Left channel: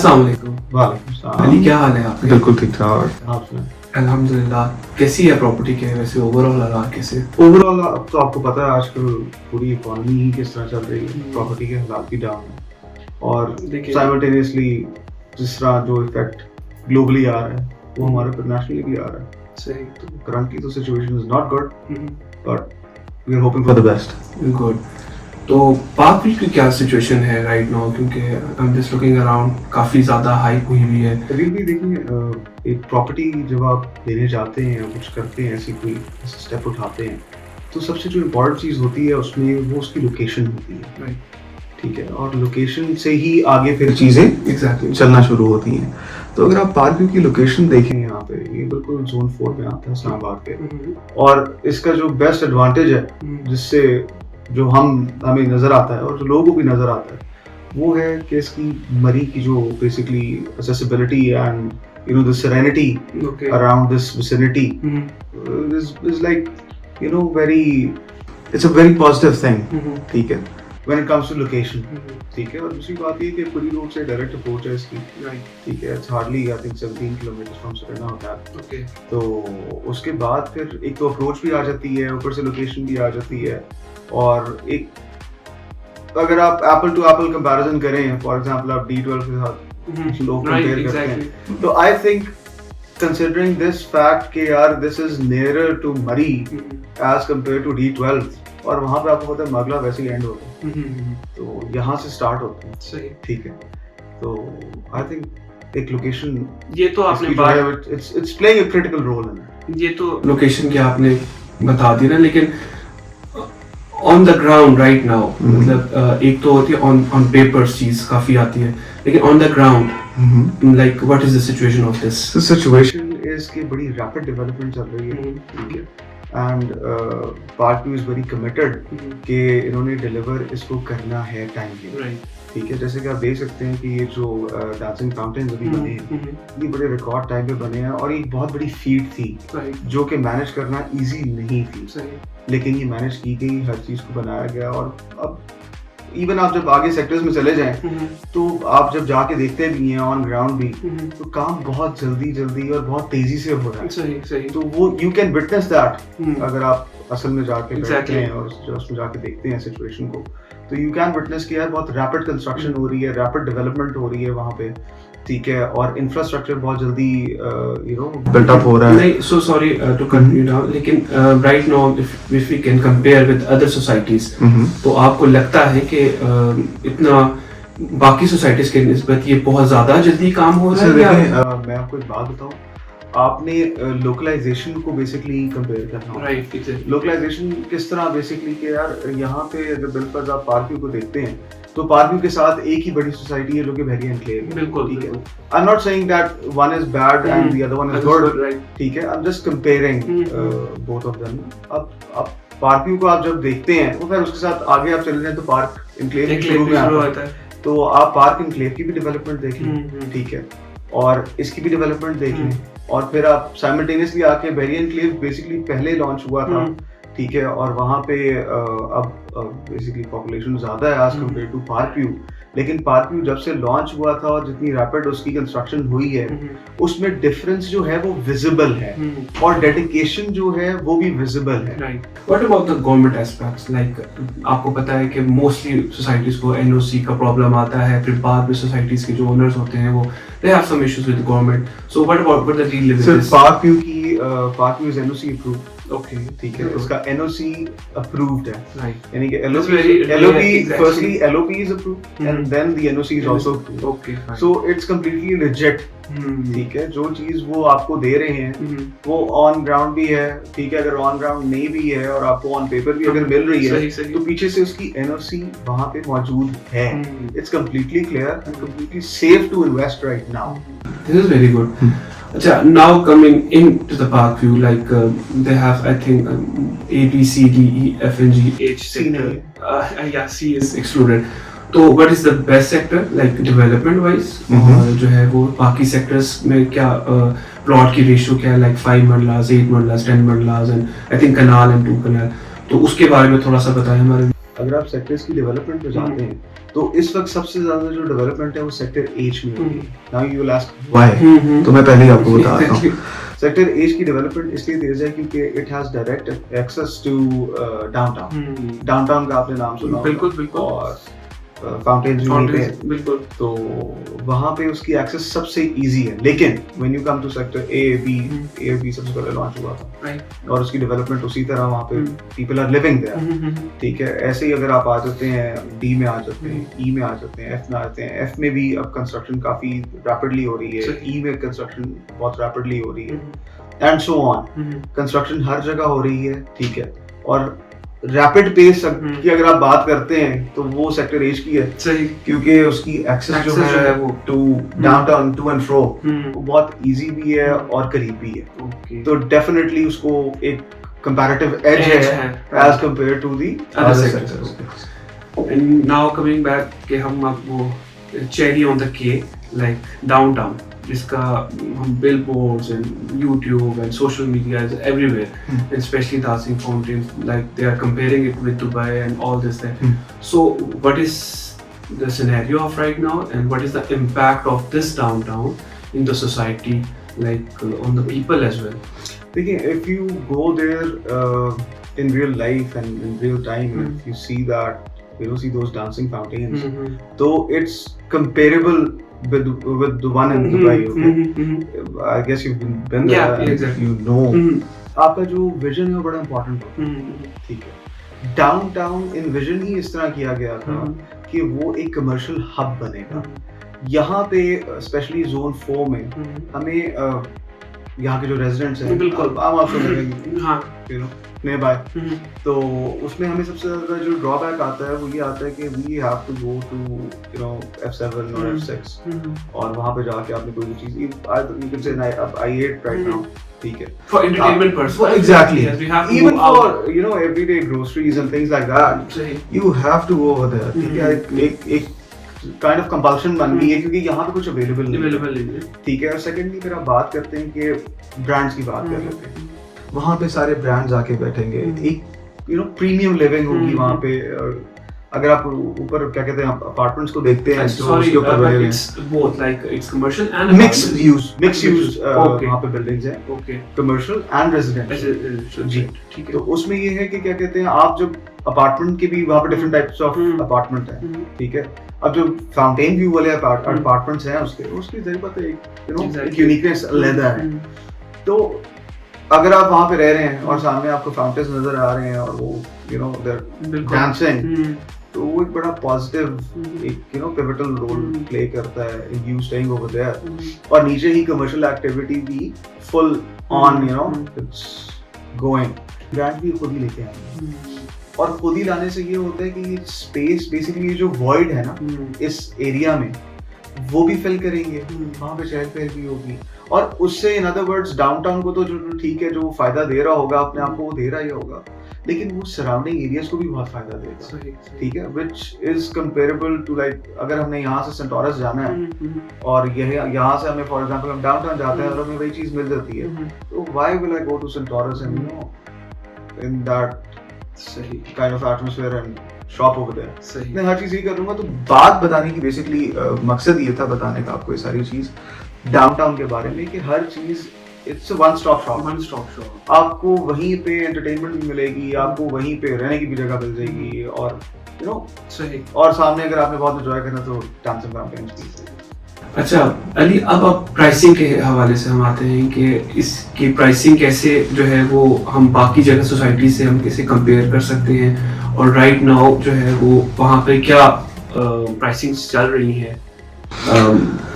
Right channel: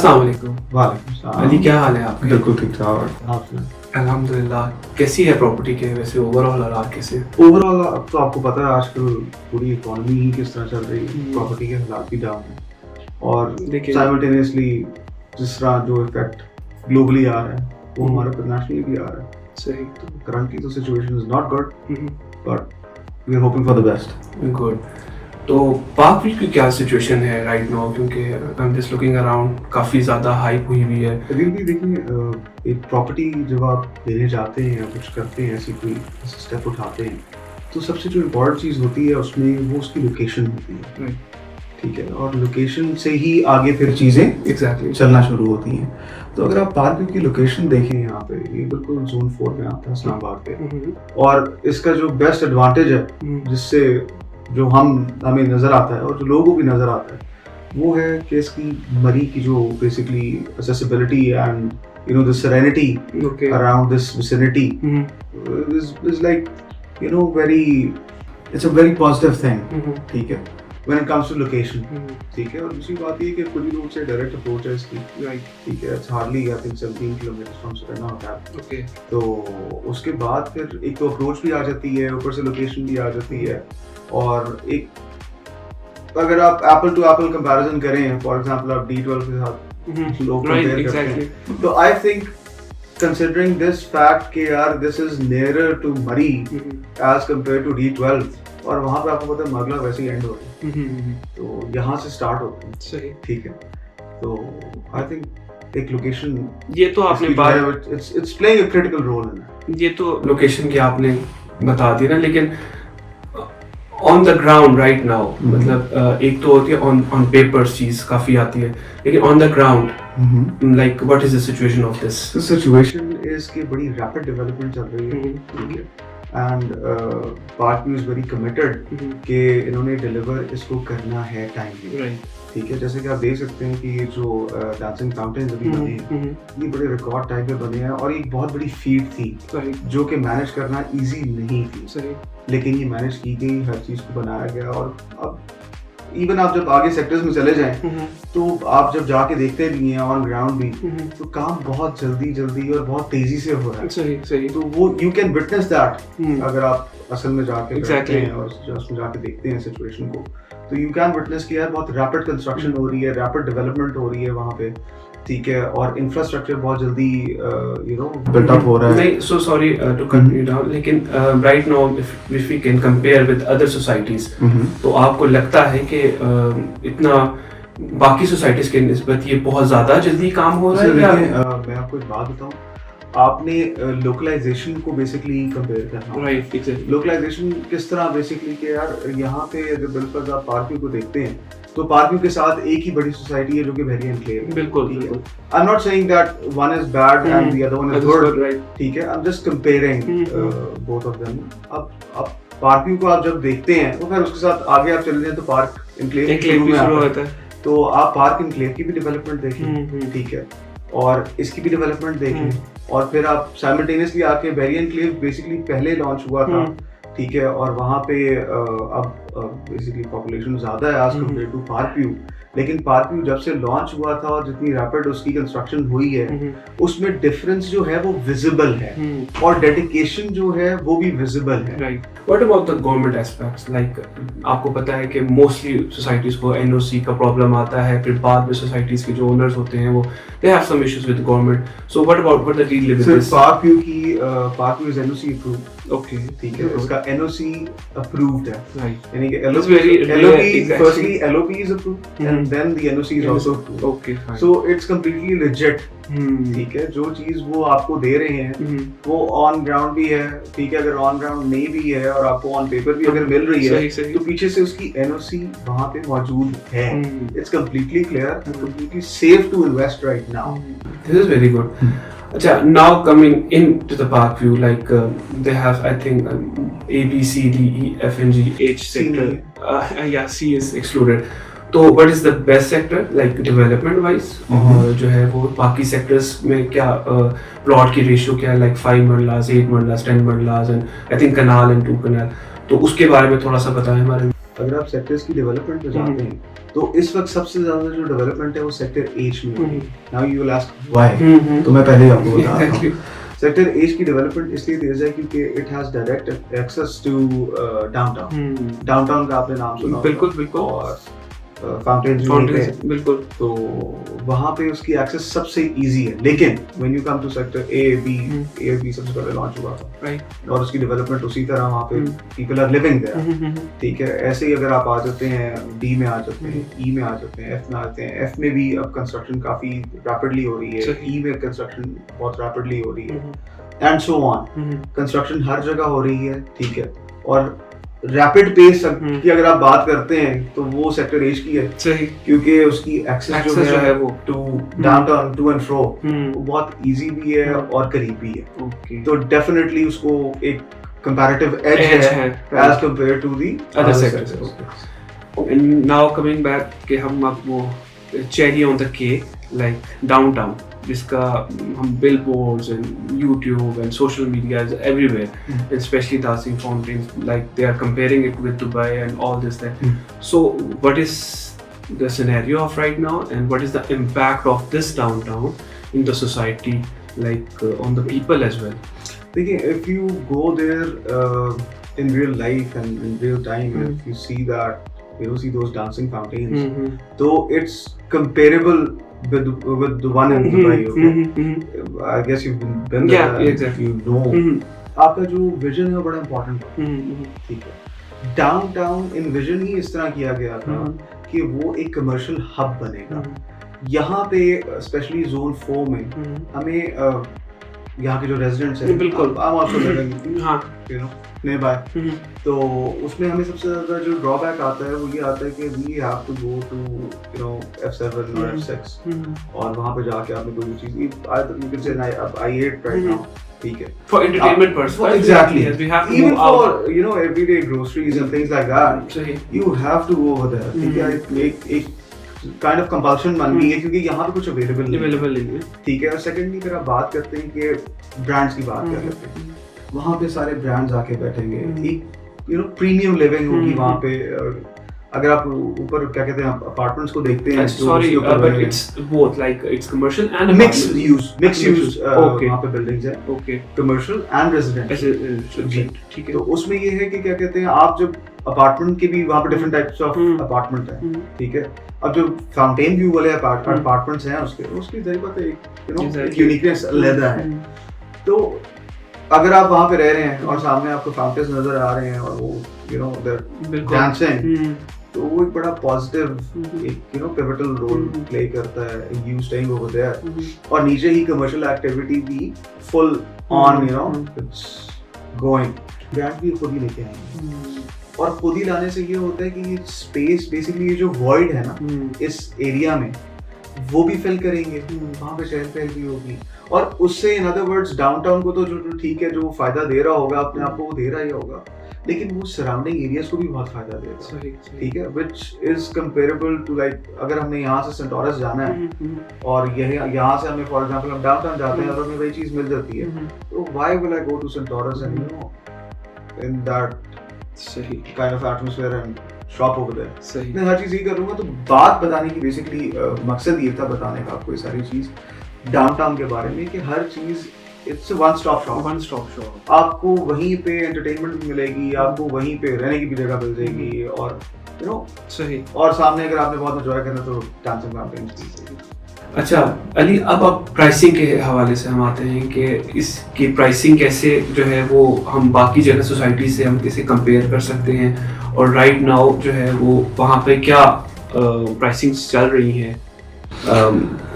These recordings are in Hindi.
अस्सलाम वालेकुम। वालेकुम सलाम। अली, क्या हाल है आपके? बिल्कुल ठीक ठाक। आप सुनाएं? अल्हम्दुलिल्लाह। कैसी है प्रॉपर्टी के वैसे ओवरऑल हालात कैसे? ओवरऑल अब तो आपको पता है आजकल पूरी इकोनॉमी ही किस तरह चल रही है, प्रॉपर्टी के हालात भी डाउन है और लेकिन साइमल्टेनियसली जिस तरह जो इफेक्ट ग्लोबली आ रहा है वो हमारे पर नेशनली भी आ रहा है। सही। तो करंटली तो situation is not good but we are hoping for the best. Good. तो पाक व्यू की क्या सिचुएशन है राइट नाउ, क्योंकि I am just looking around, काफ़ी ज़्यादा हाइप हुई हुई है। अभी भी देखिए, एक प्रॉपर्टी जब आप लेने जाते हैं या कुछ करते हैं, ऐसी कोई स्टेप उठाते हैं, तो सबसे जो इम्पोर्टेंट चीज़ होती है उसमें वो उसकी लोकेशन होती है। ठीक है, और लोकेशन से ही आगे फिर चीज़ें एग्जैक्टली चलना शुरू होती हैं। तो अगर आप पार्क व्यू की लोकेशन देखें यहाँ पे, ये बिल्कुल जोन 4 में आता है इस्लामाबाद पे, और इसका जो बेस्ट एडवांटेज है जिससे जो हमें नज़र आता है और जो लोगों को भी नज़र आता है वो है कि इसकी मरी की जो basically accessibility and the serenity around this vicinity is like very, it's a very positive thing. ठीक है, when it comes to location. ठीक है, और दूसरी बात ये कि पुरी रोड से डायरेक्ट अप्रोच है इसकी। ठीक है, it's hardly I think 17 kilometre from Sarna होता है। तो उसके बाद फिर एक तो अप्रोच भी आ जाती है, ऊपर से लोकेशन भी आ जाती है, और एक अगर आप एप्पल टू एप्पल कंपैरिजन करें, फॉर एग्जांपल आप D12 के साथ लोग कंपेयर करते हैं, तो I think considering this fact कि यार दिस इज नियरर टू मरी एज कंपेयर टू D12, और वहाँ पे आपको पता है मागला वैसे ही एंड होता है, तो यहाँ से स्टार्ट होता है। सही। ठीक है, तो आई थिंक एक लोकेशन ये तो आपने it's playing a critical role in. ये तो लोकेशन की आपने बता दी ना, लेकिन on the ground right now, मतलब एक तो होती है ऑन पेपर चीज काफी आती है, लेकिन on the ground like what is the situation of this? Situation is कि बड़ी रैपिड डेवलपमेंट चल रही है। ठीक है, and park view is very committed कि इन्होंने डिलीवर इसको करना है टाइमली। ठीक है, जैसे कि आप देख सकते हैं कि ये जो डांसिंग फाउंटेन्स अभी बने हैं, ये बड़े रिकॉर्ड टाइम पे बने हैं, और एक बहुत बड़ी फीट थी जो कि मैनेज करना इजी नहीं थी, लेकिन ये मैनेज की गई, हर चीज़ को बनाया गया। और अब इवन आप जब आगे सेक्टर्स में चले जाएं, तो आप जब जाके देखते भी हैं ऑन ग्राउंड भी, तो काम बहुत जल्दी और बहुत तेजी से हो रहा है। सही। तो वो यू कैन विटनेस दैट अगर आप असल में जाके बैठते हैं और उसमें जाके देखते हैं सिचुएशन को, तो यू कैन विटनेस कि यार बहुत रैपिड कंस्ट्रक्शन हो रही है, रैपिड डेवलपमेंट हो रही है वहाँ पे। ठीक है, और इंफ्रास्ट्रक्चर बहुत जल्दी बिल्ट अप हो रहा है। नहीं, so sorry to cut you down, लेकिन right now if we can compare with other societies, तो आपको लगता है कि इतना बाकी सोसाइटीज के निस्बत ये बहुत ज्यादा जल्दी काम हो रहा है? या मैं आपको एक बात बताऊं, आपने लोकलाइजेशन को बेसिकली कंपेयर करना। राइट। लोकलाइजेशन किस तरह बेसिकली कि यार यहाँ पे अगर बिल्कुल आप पार्क व्यू को देखते हैं, तो पार्क व्यू के साथ एक ही बड़ी सोसाइटी है जो कि वेरी एनक्लेव है। बिल्कुल। ठीक है, I am not saying that one is bad and the other one is good. ठीक है, I am just comparing both of them. अब पार्क व्यू को आप जब देखते हैं, तो फिर उसके साथ आगे आप चले जाएं तो पार्क एनक्लेव शुरू में आता है, तो आप पार्क एनक्लेव की भी डेवलपमेंट देख लें। ठीक है, और इसकी भी डेवलपमेंट देख लें, और फिर आप साइमल्टेनियसली आके वेरी एनक्लेव बेसिकली पहले लॉन्च हुआ था। ठीक है, और वहाँ पे अब बेसिकली पॉपुलेशन ज़्यादा है as compare to park view, लेकिन पार्क व्यू जब से लॉन्च हुआ था और जितनी रैपिड उसकी कंस्ट्रक्शन हुई है, उसमें डिफरेंस जो है वो विजिबल है, और डेडिकेशन जो है वो भी विजिबल है। What about the government aspects? Like आपको पता है कि मोस्टली सोसाइटीज को एनओसी का प्रॉब्लम आता है, फिर बाद में सोसाइटीज के जो ओनर्स होते हैं वो they have some issues with government, so what about the deal with this? Park view is NOC approved. Okay, ठीक है, इसका एनओसी अप्रूव्ड है, यानी कि LOP firstly LOP is approved and then the NOC is also approved. Okay, fine. So it's completely legit. ठीक है, जो चीज वो आपको दे रहे हैं वो ऑन ग्राउंड भी है। ठीक है, अगर ऑन ग्राउंड नहीं भी है और आपको ऑन पेपर भी अगर मिल रही है, तो पीछे से उसकी एनओसी वहाँ पे मौजूद है। It's completely clear and completely safe to invest right now. This is very good. अच्छा, now coming into the park view, like they have I think A, B, C, D, E, F, and G, H sector. Yeah, C is excluded. तो what is the best sector like development wise? और जो है वो बाकी sectors में क्या plot की ratio क्या है, like 5 मरलास, 8 मरलास, 10 मरलास, and I think canal and 2 canal. तो उसके बारे में थोड़ा सा बताएं हमारे। अगर आप सेक्टर्स की डेवलपमेंट पे जाते हैं तो इस वक्त सबसे ज्यादा जो डेवलपमेंट है वो सेक्टर एच में हो रही है। Now you will ask why, तो मैं पहले ही आपको बताता हूँ। सेक्टर एच की डेवलपमेंट इसलिए तेज है क्योंकि it has direct access to downtown. Downtown का आपने नाम सुना होगा। बिल्कुल बिल्कुल। और फाउंटेन्स भी वहीं पे हैं। बिल्कुल। तो वहाँ पे उसकी एक्सेस सबसे इजी है। लेकिन when you come to sector A B सबसे पहले लॉन्च हुआ था, राइट, और उसकी डेवलपमेंट उसी तरह वहाँ पे पीपल आर लिविंग देयर, ठीक है। ऐसे ही अगर आप आ जाते हैं डी में, आ जाते हैं ई में, आ जाते हैं एफ में, आते हैं एफ में भी अब कंस्ट्रक्शन काफी रैपिडली हो रही है, ई में कंस्ट्रक्शन बहुत रैपिडली हो रही है, एंड सो ऑन। कंस्ट्रक्शन हर जगह हो रही है, ठीक है। और रैपिड पेस की अगर आप बात करते हैं तो वो सेक्टर एज की है, सही, क्योंकि उसकी एक्सेस जो है वो to downtown to and fro वो बहुत इजी भी है और करीब भी है। तो डेफिनेटली उसको एक कंपैरेटिव एज है as compare to the other sectors. And now coming back कि हम वो cherry on the cake like downtown, जिसका हम billboards and YouTube and social media is everywhere, and especially Dancing Fountains, like they are comparing it with Dubai and all this that. So what is the scenario of right now, and what is the impact of this downtown in the society, like on the people as well? देखिए, if you go there in real life and in real time, if you see that, you see those dancing fountains, so it's comparable with the one in Dubai, okay? I guess you've been there, yeah, exactly. You know, आपका जो विजन है वो बड़ा इम्पोर्टेंट है, ठीक है। डाउनटाउन इन विजन ही इस तरह किया गया था कि वो एक कमर्शियल हब बनेगा। यहाँ पे स्पेशली जोन 4 में हमें यहाँ के जो रेजिडेंट्स हैं, बिल्कुल आम आपको लगेंगे, हाँ, यू नो, nearby, तो उसमें हमें सबसे ज़्यादा जो ड्रॉबैक आता है वो ये आता है कि we have to go to, you know, F7 or F6, और वहाँ पे जाके आपने कोई भी चीज़, you can say I8 right now, ठीक है, for entertainment purposes, exactly, even for, out, you know, everyday groceries and things like that, you have to go over there, ठीक है। एक काइंड ऑफ कंपल्शन बन गई है क्योंकि यहाँ पे कुछ अवेलेबल नहीं है, ठीक है। और सेकेंडली अगर आप बात करते हैं कि ब्रांड्स की बात कर लेते हैं, वहाँ पे सारे ब्रांड्स आके बैठेंगे, एक यू नो प्रीमियम लिविंग होगी वहाँ पे। अगर आप ऊपर क्या कहते हैं अपार्टमेंट्स को देखते हैं तो उसके ऊपर both like it's commercial and mixed use वहाँ पे बिल्डिंग्स हैं, कमर्शियल एंड रेजिडेंशियल, जी, ठीक है। तो उसमें ये है कि क्या कहते हैं, आप जब अपार्टमेंट के भी वहाँ पे डिफरेंट टाइप्स ऑफ अपार्टमेंट हैं, ठीक है। अब जो फाउंटेन व्यू वाले अपार्टमेंट्स हैं उसकी जरूर पता है, यू नो, एक यूनिकनेस अलग है। तो अगर आप वहाँ पे रह रहे हैं और सामने आपको फाउंटेन्स नजर आ रहे हैं और वो यू नो देयर डांसिंग, तो वो एक बड़ा पॉजिटिव एक you know pivotal role play करता है यू स्टेइंग ओवर देयर। और नीचे ही कमर्शियल एक्टिविटी भी full on, you know, it's going. Brand भी खुद ही लेके आएंगे, और खुद ही लाने से ये होता है कि स्पेस बेसिकली ये जो वॉइड है ना इस एरिया में वो भी फिल करेंगे, वहाँ पे चहल पहल भी होगी। और उससे इन अदर वर्ड्स डाउनटाउन को तो जो ठीक है जो फायदा दे रहा होगा अपने आप को वो दे रहा ही होगा, लेकिन वो सराउंडिंग एरियाज को भी बहुत फायदा देगा, ठीक है। Which is comparable to like अगर हमने यहाँ से सेंटोरस जाना है और यहाँ से हमें फॉर एग्जांपल हम डाउनटाउन जाते हैं और हमें वही चीज मिल जाती है, तो why will I go to Centaurus and you know in that kind of atmosphere and shop over there. मैं हर चीज यही करूंगा। तो बात बताने की बेसिकली मकसद ये था बताने का आपको ये सारी चीज डाउनटाउन के बारे में कि हर चीज इट्स वन स्टॉप शॉप। आपको वहीं पे एंटरटेनमेंट भी मिलेगी, आपको वहीं पे रहने की भी जगह मिल जाएगी, और यू नो सही, और सामने अगर आपने बहुत एंजॉय करना तो डांसिंग फाउंटेन्स की। अच्छा अली, अब प्राइसिंग के हवाले से हम आते हैं कि इसकी प्राइसिंग कैसे जो है वो हम बाकी जगह सोसाइटी से हम कैसे कंपेयर कर सकते हैं, और राइट नाउ जो है वो वहाँ पे क्या प्राइसिंग्स चल रही हैं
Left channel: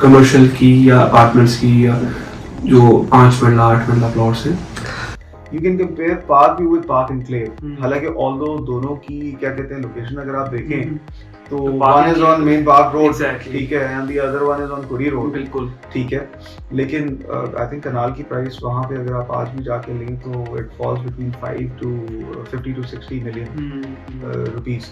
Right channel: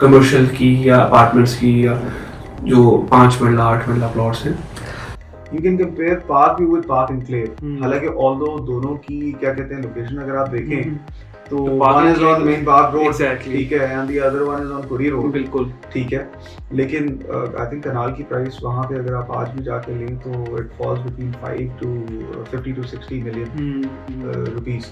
कमर्शियल की या अपार्टमेंट्स की या जो 5 मरला 8 मरला प्लॉट्स हैं। You can compare Park View with Park Enclave। हालांकि although दोनों की क्या कहते हैं लोकेशन अगर आप देखें तो one is on Main Park Road, ठीक है, and the other one is on Curry Road, बिल्कुल ठीक है। लेकिन I think कनाल की प्राइस वहाँ पे अगर आप आज भी जाके लें तो it falls between 50 to 60 million rupees।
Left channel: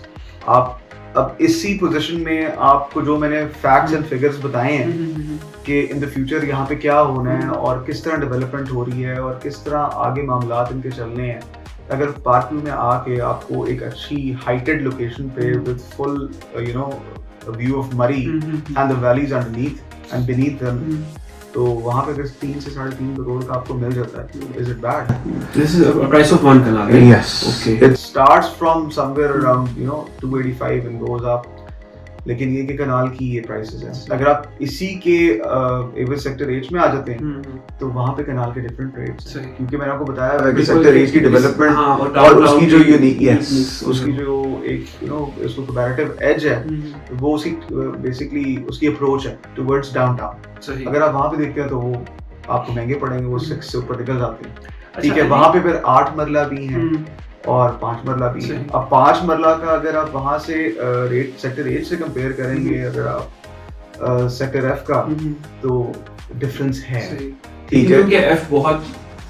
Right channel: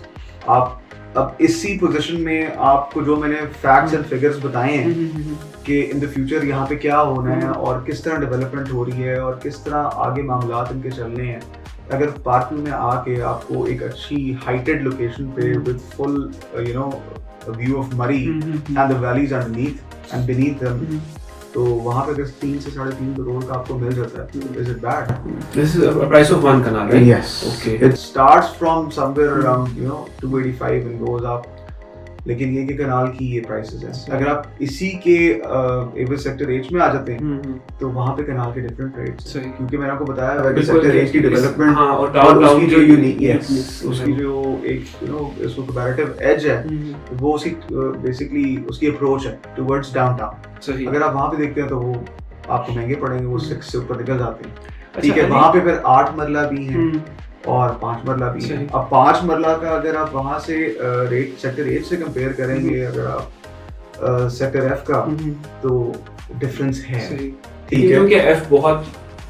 आप अब इसी पोजीशन में आपको जो मैंने फैक्ट्स एंड फिगर्स बताए हैं कि इन द फ्यूचर यहाँ पे क्या होना है और किस तरह डेवलपमेंट हो रही है और किस तरह आगे मामलात इनके चलने हैं, अगर पार्क व्यू में आके आपको एक अच्छी हाइटेड लोकेशन पे with full you know view of Murree and the valleys underneath and beneath them, तो वहाँ पे अगर 3 से 3.5 करोड़ का आपको मिल जाता है, is it bad? This is a price of one canal, right? Yes. Okay. It starts from somewhere around 285 and goes up. लेकिन ये कि कनाल की ये प्राइसेस हैं। अगर आप इसी के एविस सेक्टर एच में आ जाते हैं तो वहाँ पे कनाल के डिफरेंट रेट्स हैं, क्योंकि मैंने आपको बताया एविस सेक्टर एच की डेवलपमेंट और उसकी जो यूनिकनेस, उसकी जो एक इसको कंपैरेटिव एज है, वो उसकी बेसिकली उसकी अप्रोच है टुवर्ड्स डाउनटाउन। अगर आप वहाँ पे देखते हैं तो वो आपको महंगे पड़ेंगे, वो 6 से ऊपर निकल जाते हैं। ठीक है, वहाँ पे फिर 8 मरला भी हैं और 5 मरला भी है। अब 5 मरला का अगर आप वहाँ से रेट सेक्टर एच से कंपेयर करेंगे अगर आप सेक्टर एफ का, तो डिफरेंस है। ठीक है, क्योंकि एफ बहुत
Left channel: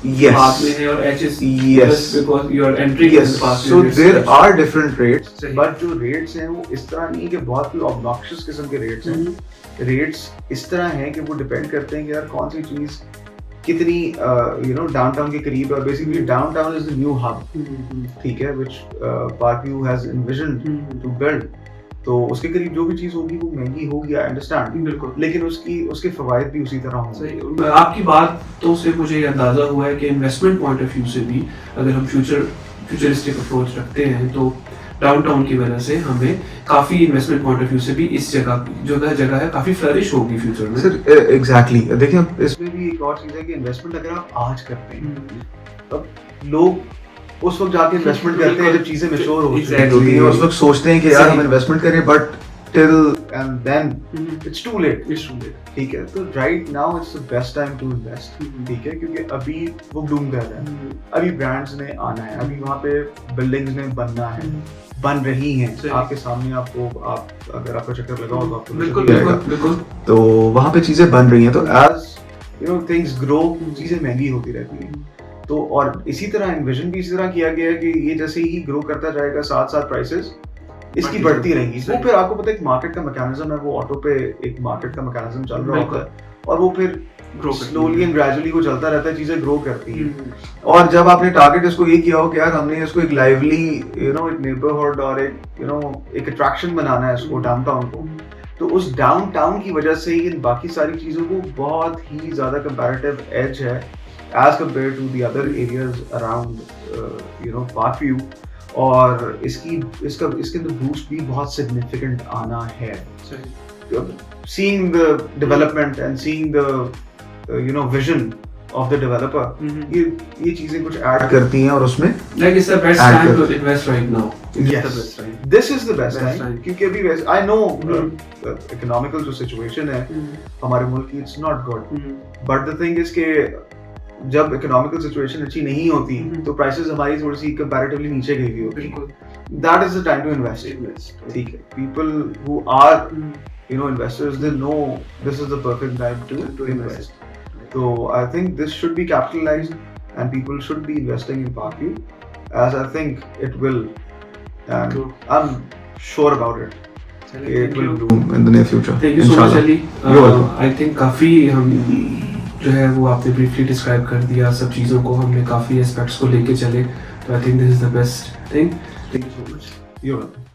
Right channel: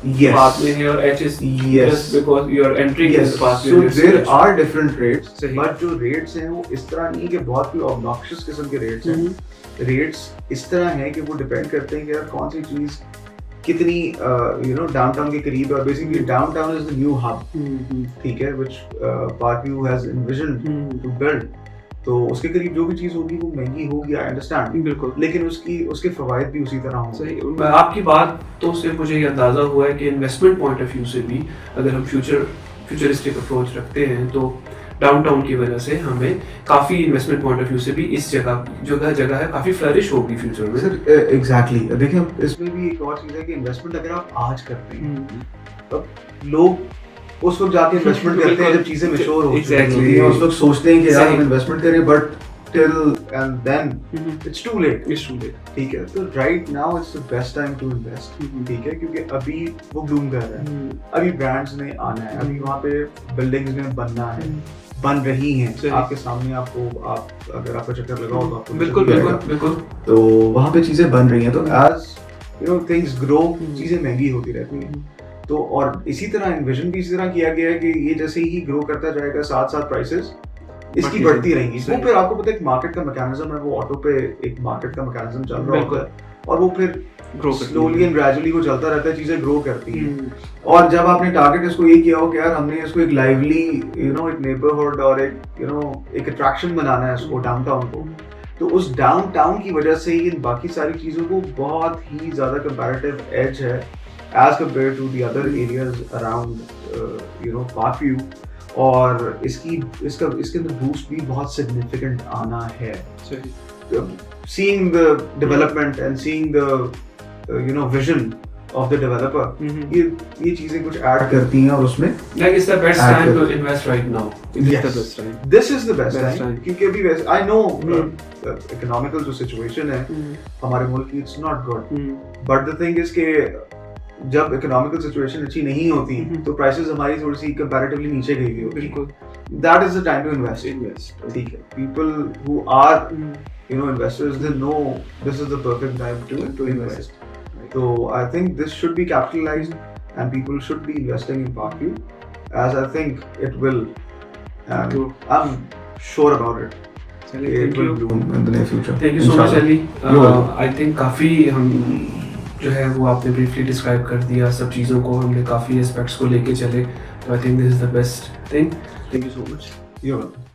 बाद में है और H is just because you are entering in the pass. So there are different rates, but जो रेट्स हैं वो इस तरह नहीं है कि बहुत ही ऑब्नॉक्शियस किस्म के रेट्स हैं। रेट्स इस तरह हैं कि वो डिपेंड करते हैं कि यार कौन सी चीज कितनी डाउनटाउन के करीब है। Basically downtown is the new hub, ठीक है, which Park View has envisioned to build. तो उसके करीब जो भी चीज होगी वो महंगी होगी, आई अंडरस्टैंड, लेकिन उसके फवायद भी उसी तरह होंगे। आपकी बातों से मुझे ये अंदाजा हुआ है कि इन्वेस्टमेंट पॉइंट ऑफ व्यू से भी अगर हम फ्यूचरिस्टिक अप्रोच रखते हैं तो डाउनटाउन की वजह से हमें काफी इन्वेस्टमेंट पॉइंट ऑफ व्यू से भी इस जगह है काफी फ्लरिश होगी फ्यूचर में। सर एग्जैक्टली, देखिए इसमें भी एक और चीज है कि इन्वेस्टमेंट अगर आप आज करते हैं तब लोग उस वक्त जाके इन्वेस्टमेंट करते हैं जब चीजें मैच्योर होती हैं। उस वक्त सोचते हैं कि यार हम इन्वेस्टमेंट करें, but till and then it's too late. ठीक है, तो right now it's the best time to invest. ठीक है, क्योंकि अभी वो bloom कर रहा है, अभी brands ने आना है, अभी वहाँ पे buildings ने बनना है, बन रही हैं आपके सामने। आप अगर आपका चक्कर लगाओ तो आपको बिल्कुल तो वहाँ पे चीजें बन रही हैं। तो as things grow, चीजें महंगी होती रहती हैं। तो और इसी तरह इन्विजन भी इसी तरह किया गया है कि ये जैसे ही ग्रो करता जाएगा साथ साथ प्राइसेस इसकी बढ़ती रहेंगी। वो फिर आपको पता है एक मार्केट का मैकेनिज्म है, वो ऑटो पे एक मार्केट का मैकेनिज्म चल रहा होता है और वो फिर स्लोली एंड ग्रेजुअली वो चलता रहता है, चीजें ग्रो करती हैं। और जब आपने टारगेट इसको ये किया हो कि यार हमने इसको एक लाइवली एक नेबरहुड और एक अट्रैक्शन बनाना है इसको डाउनटाउन को, तो उस डाउनटाउन की वजह से इन बाकी सारी चीजों को बहुत ही ज्यादा कंपैरेटिव एज है as compare to the other areas around park view. और इसके अंदर बूस्ट भी बहुत सिग्निफिकेंट आना है। Seeing the development and seeing the vision of the developer, ये चीजें कुछ ऐड करती हैं और उसमें like it's the best time to invest right now. This is the best time क्योंकि अभी वैसे I know economical जो situation है हमारे मुल्क की, it's not good, but the thing is कि जब इकोनॉमिकल सिचुएशन अच्छी नहीं होती तो प्राइसेस हमारी थोड़ी सी कंपैरेटिवली नीचे गई हुई होती। That is the time to invest. ठीक है, people who are investors they know this is the perfect time to invest. तो I think this should be capitalized and people should be investing in park view as I think it will, and I am sure about it. It will bloom in the near future. Thank you so much, Ali. I think काफी हम जो है वो आपने ब्रीफली डिस्क्राइब कर दिया सब चीज़ों को, हमने काफ़ी एस्पेक्ट्स को लेके चले, तो I think this is the best thing. Thank you so much.